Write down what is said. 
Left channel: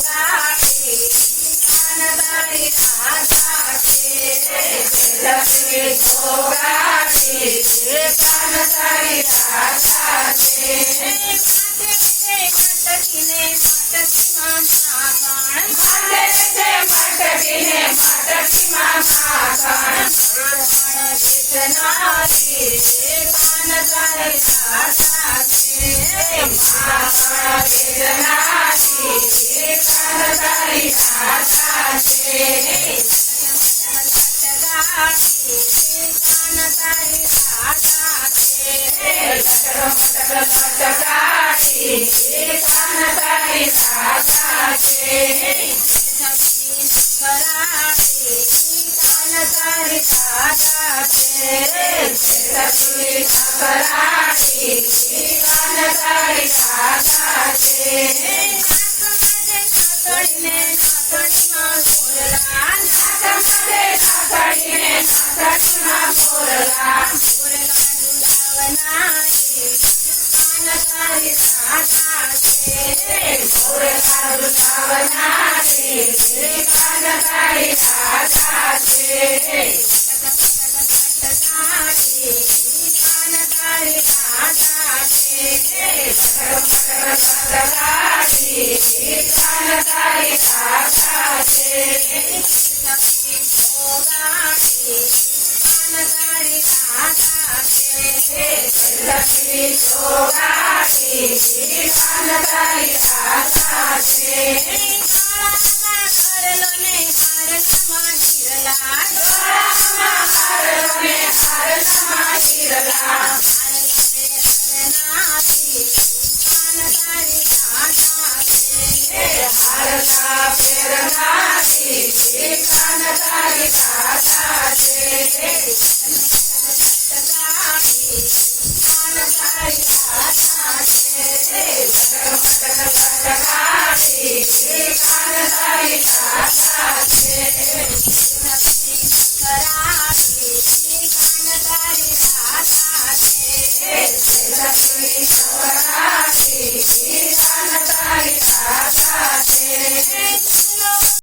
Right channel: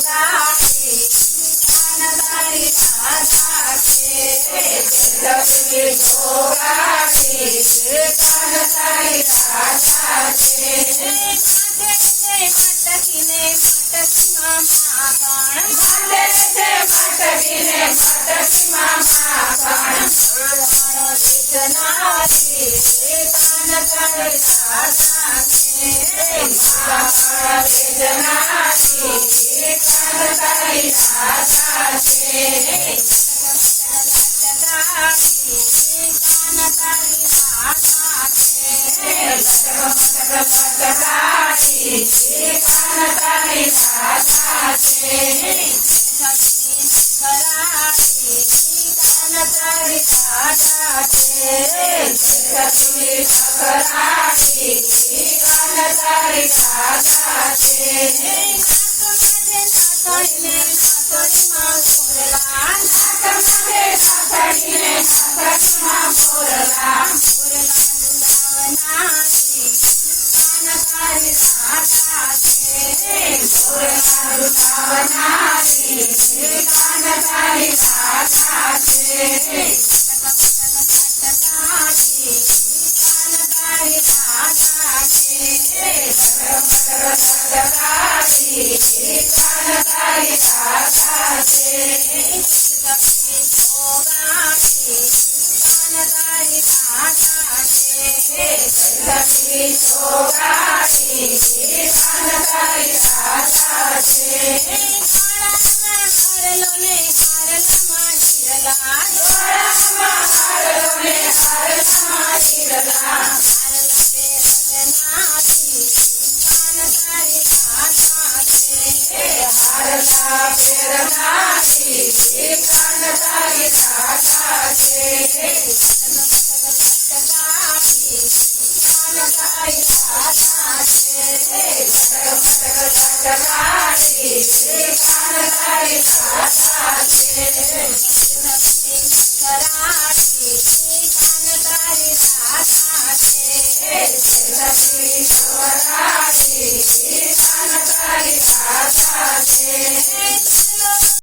સોગાડી કાન તારી રાધા છે તુલસી સોગાડી કાન તારી રાધા છે મટકીને મટકીમાં માખણ ભલે છે મટકીને મટકીમાં માખણ વેચનારી કાન તારી રાધા છે માખણ વેચનારી કાન તારી રાધા છે કાન તારી રાધા છે લટકાડી કાન તારી રાધા છે કરાડી કાન તારી રાધા છે કરાડી કાન તારી રાધા છે નાથણીને નાથણીમાં મોરલા નાથણીને નાથણીમાં મોરલા ઝુલાવનારી કાન તારી રાધા છે મોરલા ઝુલાવનારી કાન તારી રાધા છે કાન તારી રાધા છે કાન તારી રાધા છે સોગાડી કાન તારી રાધા છે લક્ષ્મી સોગાડી કાન તારી રાધા છે હારલો ને હારલામાં હિરલા હારલો ને હારલામાં હિરલા હારલા પ્રેરણાથી કાન તારી રાધા છે કાન તારી રાધા છે લટકાડી કાન તારી રાધા છે કરાડી કાન તારી રાધા છે